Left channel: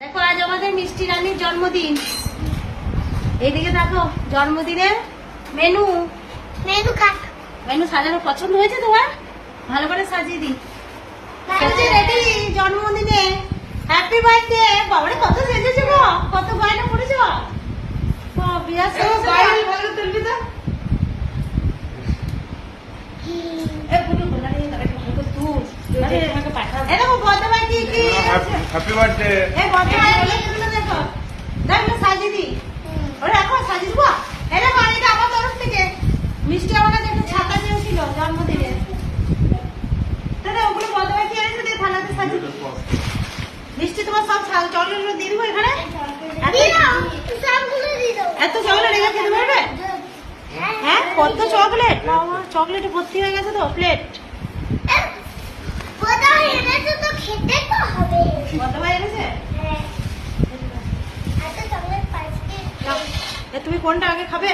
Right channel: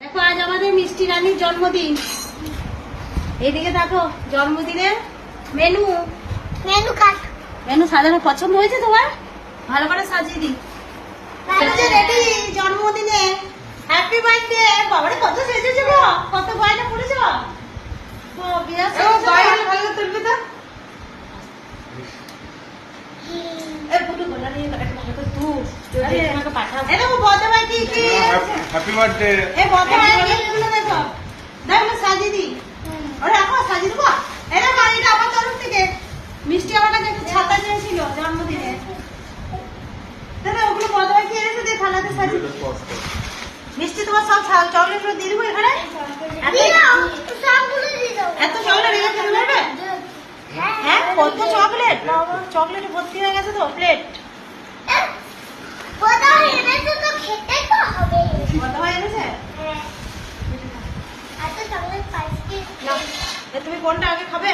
দেখো আজ আমাদের মিষ্টি রানীর জন্মদিন। এইদিকে দেখো জন্মদিনের মেনু মেনু সাজানো পছন্দ হয়েছে তোমার? ভালো করে সাজিয়ে দিই। রেডি জন্মদিনে হ্যাপি বার্থডে। বাবারে কত সেজেছে গো, কত গয়না পড়েছ। ভালো তুলবি তো। Happy birthday. সাজিয়ে দিই, রাখো সাজিয়ে দেবো। এটা আমার তরফ থেকে মিষ্টি আমার কাছে একটা ছাতা নিয়েছিল জন্মদিনে। ওগুলো বদমাই কি এনেছো দিয়ে থালাতে সাজিয়ে মিষ্টি তোমার সব চকলেট গুলো দিয়ে দেবো এখানে। এত চকলেট রেখেছে দেবে? হ্যাঁ কত চকলেট, চকলেটে ভর্তি হয়ে গেছে তো প্লেট। বদমাই এনেছে। তুমি কোনটা আগে খাবে?